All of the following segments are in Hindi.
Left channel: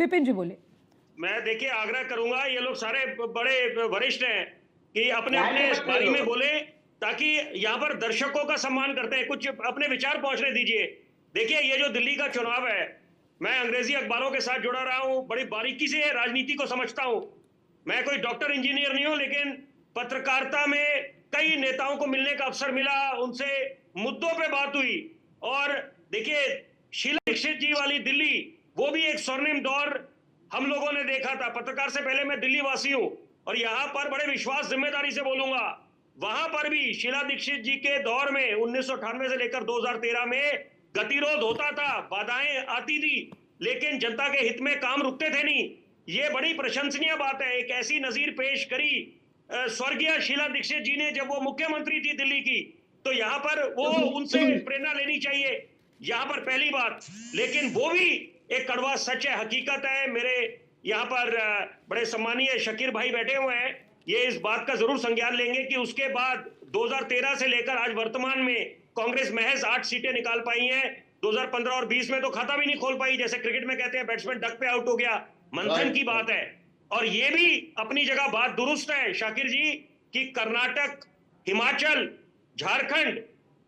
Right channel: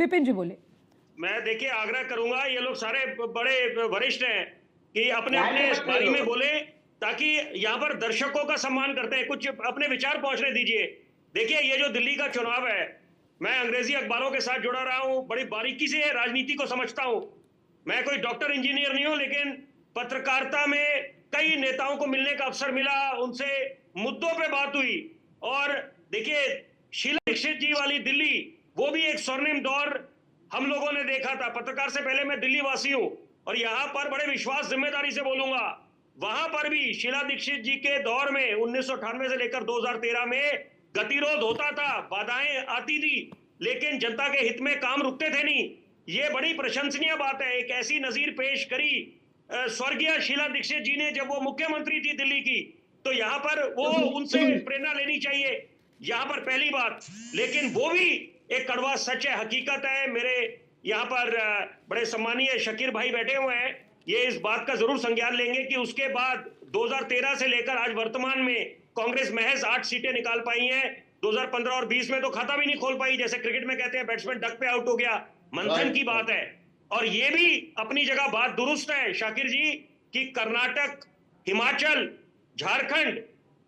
विपिन जी बोले। मैं देखिए आग्रह करूंगा, ये लोग सारे बड़े वरिष्ठ हैं कि अपने अपने बारी में बोले, ताकि यहाँ पर दर्शकों का सम्मान करते हैं, कुछ अपने विचार पहुंचने दीजिए। देखिए ये जो दिल्ली का चुनाव है, मैं अंग्रेजी अखबारों के साथ जुड़ा रहा हूँ, बड़ी बारीकी से राजनीति को समझता हूँ। मैं कोई डॉक्टर इंजीनियर नहीं हूँ, लेकिन पत्रकारिता में कई नेताओं को मिलने का अवसर मिला, उनसे मुद्दों पे बात हुई। और देखिए शीला दीक्षित जी वाली दिल्ली, वो भी एक स्वर्णिम दौर हम लोगों ने देखा था। पत्रकार से पहले मैं दिल्ली वासी हूँ और यहाँ पर बड़े विश्वास जिम्मेदारी से बोलूंगा, वहां पर भी शीला दीक्षित जी के दौर में 1998 से लेकर 2013 में गतिरोध होता था, बाधाएं आती थी, लेकिन जनता के हित में काम रुकते थे नहीं। ये बड़ी प्रशंसनीय बात है। एक ऐसी नजीर पेश करी स्वर्गीय शीला दीक्षित जी ने जब वो मुख्यमंत्री थी दिल्ली की, तो यहाँ पर वो उनसे प्रेरणा लेनी चाहिए, यहाँ पर पहली बात। लेकिन वो भी एक कड़वा सच है, हकीकत है। मेरे यहाँ पर बड़े सम्मानीय शकीर भाई बैठे हुए हैं, ये इस बात का जरूर संज्ञान लेंगे कि उसके बाद 2013 से लेकर आज वर्तमान में कांग्रेस महज 8 सीटें निकाल पाई है। 2015 और 20 में तो खाता भी नहीं खोल पाई, जैसे क्रिकेट में कहते हैं बैट्समैन डक पे आउट हो गया, मंथन की बात है। और ये भी अपनी जगह बात दुरुस्त है शाकिर जी कि कर्नाटक, हिमाचल, झारखंड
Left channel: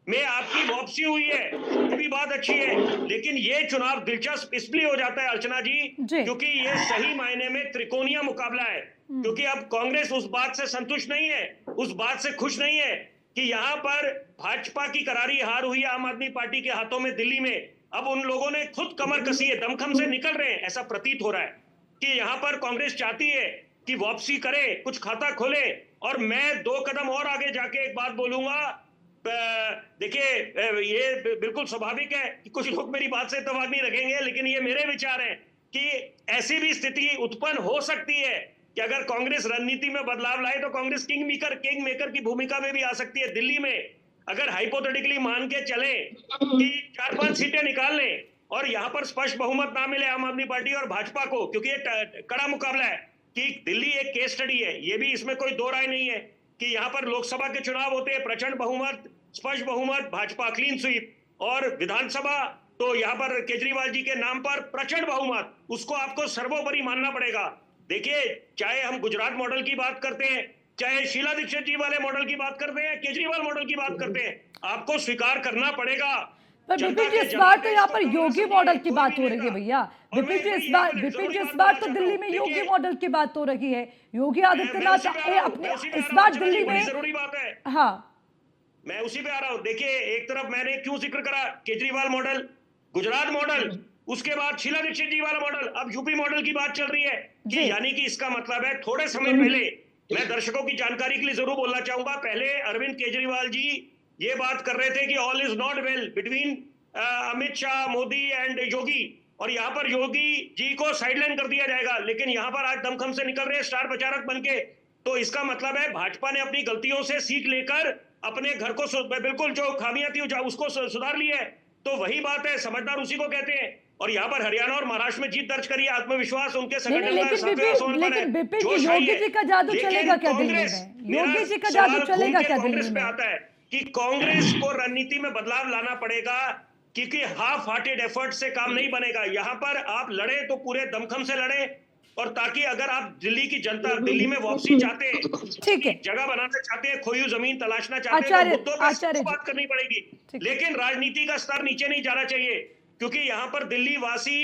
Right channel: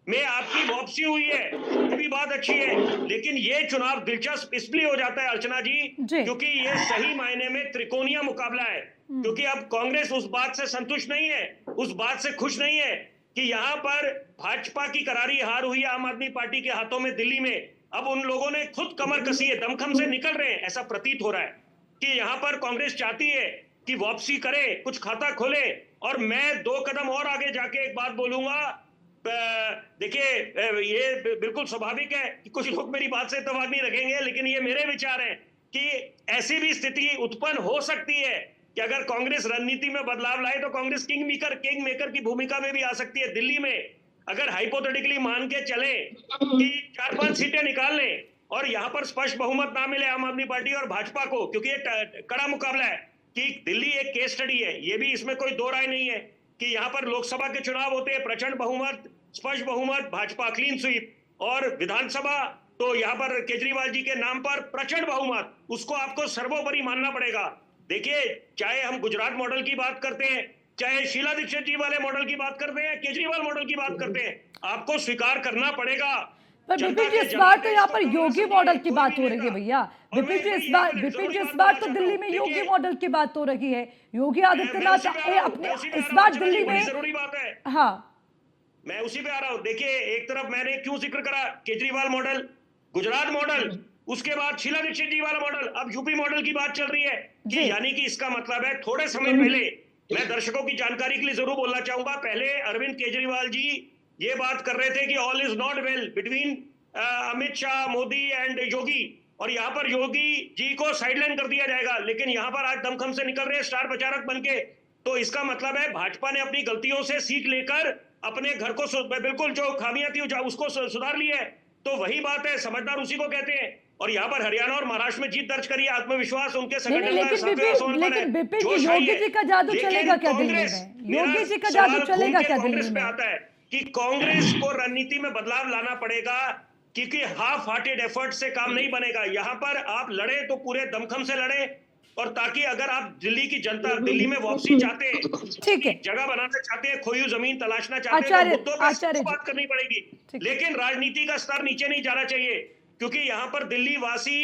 में आपकी वापसी हुई है, ये भी बात अच्छी है। लेकिन ये चुनाव दिलचस्प इसलिए हो जाता है अर्चना जी, क्योंकि ये सही मायने में त्रिकोणीय मुकाबला है। क्योंकि अब कांग्रेस उस बात से संतुष्ट नहीं है, उस बात से खुश नहीं है कि यहाँ पर भाजपा की करारी हार हुई है आम आदमी पार्टी के हाथों में दिल्ली में। अब उन लोगों ने खुद कमर कसी है, दमखम से निकल रहे हैं, ऐसा प्रतीत हो रहा है कि यहाँ पर कांग्रेस चाहती है कि वापसी करे, कुछ खाता खोले। और मैं 2 कदम और आगे जाके एक बात बोलूंगा। देखिए ये बिल्कुल स्वाभाविक है कि कुछ लोग मेरी बात से इत्तेफाक नहीं रखेंगे, लेकिन ये मेरे विचार हैं कि ऐसी भी स्थिति उत्पन्न हो सकती है कि अगर कांग्रेस रणनीति में बदलाव लाए तो कांग्रेस किंग मेकर की भूमिका में भी आ सकती है दिल्ली में। अगर हाइपोथेटिकली मान के चले कि 4-5 सीटें निकाल लें और यहाँ पर स्पष्ट बहुमत ना मिले आम आदमी पार्टी और भाजपा को, क्योंकि ये कड़ा मुकाबला है कि दिल्ली एक केस स्टडी है, ये भी इसमें कोई दो राय नहीं है कि यहाँ पर लोकसभा के चुनाव होते हैं, प्रचंड बहुमत, स्पष्ट बहुमत, भाजपा क्लीन स्वीप, और विधानसभा तो यहाँ पर केजरीवाल जी के नाम पर प्रचंड बहुमत, उसको आपको सर्वोपरि मानना पड़ेगा। देखिए चाहे हम गुजरात मॉडल की बात करते हैं, चाहे शीला दीक्षित जी वाले मॉडल की बात करते हैं, केजरीवाल मॉडल की बात करते हैं, आपको स्वीकार करना पड़ेगा। पर विपिन जी इस बार तो यहाँ पर योगी मॉडल की बात हो रही है भैया। विपिन जी इस बार तो दिल्ली में योगी मॉडल की बात हो रही है। योगी आदित्यनाथ अपने इस बार दिल्ली में जरूरी बात है। हाँ मैं उसी पे आ रहा हूँ। देखिए एक तरफ मैंने क्यों जिक्र करा केजरीवाल मॉडल, गुजरात मॉडल, उसके बाद शीला दीक्षित जी वाला मॉडल, अब यूपी मॉडल की बात चल रही है कि यानी कि इसका मतलब है थोड़े समय पहले, मैं दर्शकों की जानकारी के लिए जरूर बोलना चाहूंगा, पहले अरविंद केजरीवाल जी ये बात कर रहे थे कि all is not well between Amit Shah, Modi and Yogi, और यहाँ पर योगी जी को साइडलाइन कर दिया जाएगा। लेकिन यहाँ पर आज दमखम से निकल रहे स्टार प्रचारक बनके, तो इसका मतलब है भाजपा ने अपनी गलतियों से सीख लेकर अपने घर को बिल्कुल जो खामियां थी उसको सुधार लिया है। तो वही बात है, समझदार उसी को कहते हैं। और यहाँ पर हरियाणा और महाराष्ट्र में जीत दर्ज करी, आत्मविश्वास उनके संगठन का लेकिन विपिन जी योगी जी का जादू चलेगा क्या दिल्ली में? योगी जी का जादू चलेगा क्या दिल्ली में? आता है कि कांग्रेस को रणनीति में बदलाव लाना पड़ेगा, क्योंकि हाफ हार्टेड एफर्ट से काम नहीं बनेगा। यहाँ पर आप लड़े तो पूरे दमखम से लड़े, और ताकि अगर आप दिल्ली की जनता दिल्ली में वापसी चाहते हैं, ठीक है, जगह बनाना चाहते हैं, खोई जमीन तलाशना चाहते हैं, तो मुद्दों पर बात करनी पड़ेगी, लेकिन राजनीति का स्तर नीचे नहीं जाना चाहिए। क्योंकि यहाँ पर दिल्ली वासी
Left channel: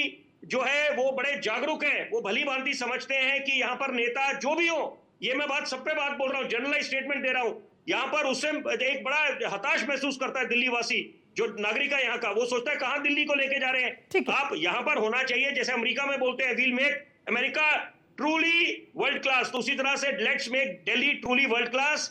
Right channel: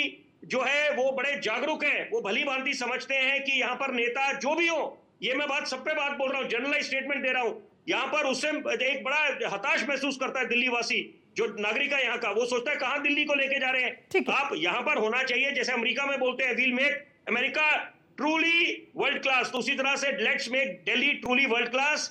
जो है वो बड़े जागरूक हैं, वो भली भांति समझते हैं कि यहाँ पर नेता जो भी हो, ये मैं बात सब पे बात बोल रहा हूँ, जनरलाइज स्टेटमेंट दे रहा हूँ, यहाँ पर उससे एक बड़ा हताश महसूस करता है दिल्ली वासी जो नागरिक है यहाँ का, वो सोचता है कहाँ दिल्ली को लेके जा रहे हैं। आप यहाँ पर होना चाहिए, जैसे अमेरिका में बोलते हैं will make America truly world class, तो उसी तरह से let's make Delhi truly world class.